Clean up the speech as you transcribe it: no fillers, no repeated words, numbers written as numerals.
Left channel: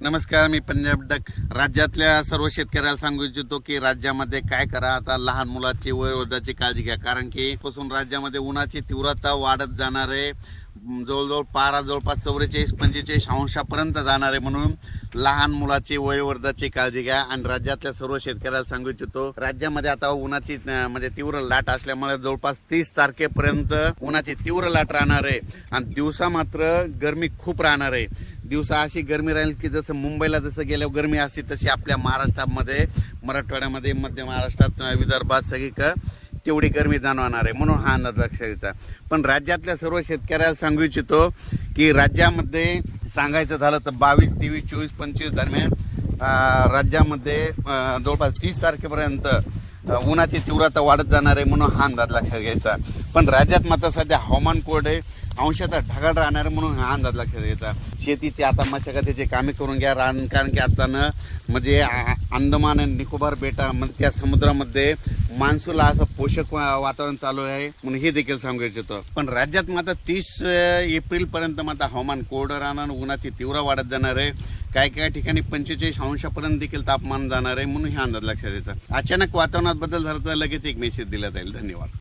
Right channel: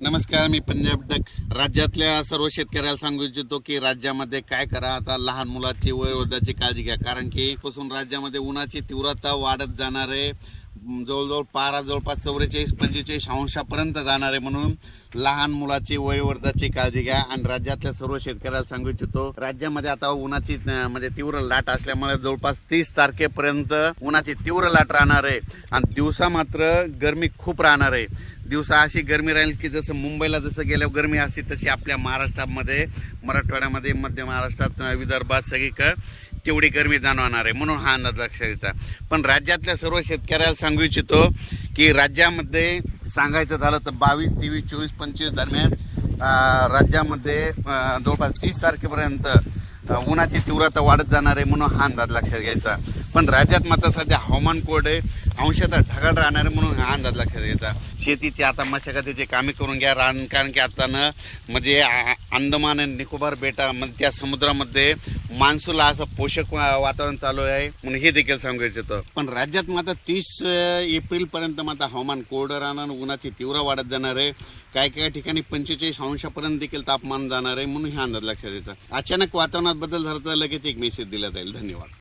नमस्कार, मी पंजाब डक. राज्यातल्या सर्व शेतकऱ्याला सांगू इच्छितो की राज्यामध्ये काय करा, आता लहान मुलाची वयोवृद्धाची काळजी घ्या. कारण की पासून राज्यामध्ये उन्हाची तीव्रता वाढत जाणार आहे. जवळजवळ पारा जवळपास 44-45 अंशापर्यंत जाणार आहे. म्हणून लहान मुलाची वयोवृद्धाची काळजी घ्या. आणि राज्यातल्या सर्व शेतकऱ्याला सांगू इच्छितो, राज्यामध्ये आता उन्हाची म्हणजे तीव्र लाट असल्यामुळे जवळपास 30 तारखेपर्यंत उन्हाची तीव्र लाट राहणार आहे. आणि दिवसा मात्र गरमी खूप राहणार आहे. दिवसा अशी गरमी राहील की जसं मुंबईला जसं गेल्यावर गरमी असते तशी आपल्या महाराष्ट्रामध्ये, मराठवाड्यामध्ये, मध्य महाराष्ट्रात, विदर्भात सगळीकडे तेवढी गरमी जाणवणार आहे. म्हणून हा अंदाज लक्षात घ्यायचा. पण राज्यातल्या सर्व शेतकऱ्याला सांगू इच्छितो की राज्यामध्ये सांगायचं झालं तर 22, 23, 24, 25 दरम्यान राज्यामध्ये जवळपास 30 तारखेपर्यंत उन्हाची तीव्रता वाढत जाणार आहे. म्हणून हा अंदाज लक्षात घ्यायचा. पण राज्यात मात्र सध्या हवामान कोरडे अंशतः ढगाळ राहणार आहे. म्हणून हा अंदाज लक्षात घ्यायचा. शेतीची आता मशागतीची कामे करून घ्या. कारण की आता म्हणजे अंदमान आणि निकोबार बेटा त्या समुद्रामध्ये मान्सूनला असं पोषक वातावरण चालू आहे. म्हणून हे देखील सांगू इच्छितो. पण राज्यात मात्र 30 एप्रिलपर्यंत मात्र हवामान कोरडं राहणार, उन्हाची तीव्र वाढत जाणार आहे. काही ठिकाणी 45 अंशापर्यंत देखील तापमान जाणार आहे. म्हणून हा अंदाज लक्षात घ्यायचा. अचानक वातावरणात बदल झाला तर लगेच एक मेसेज दिला जाईल. धन्यवाद.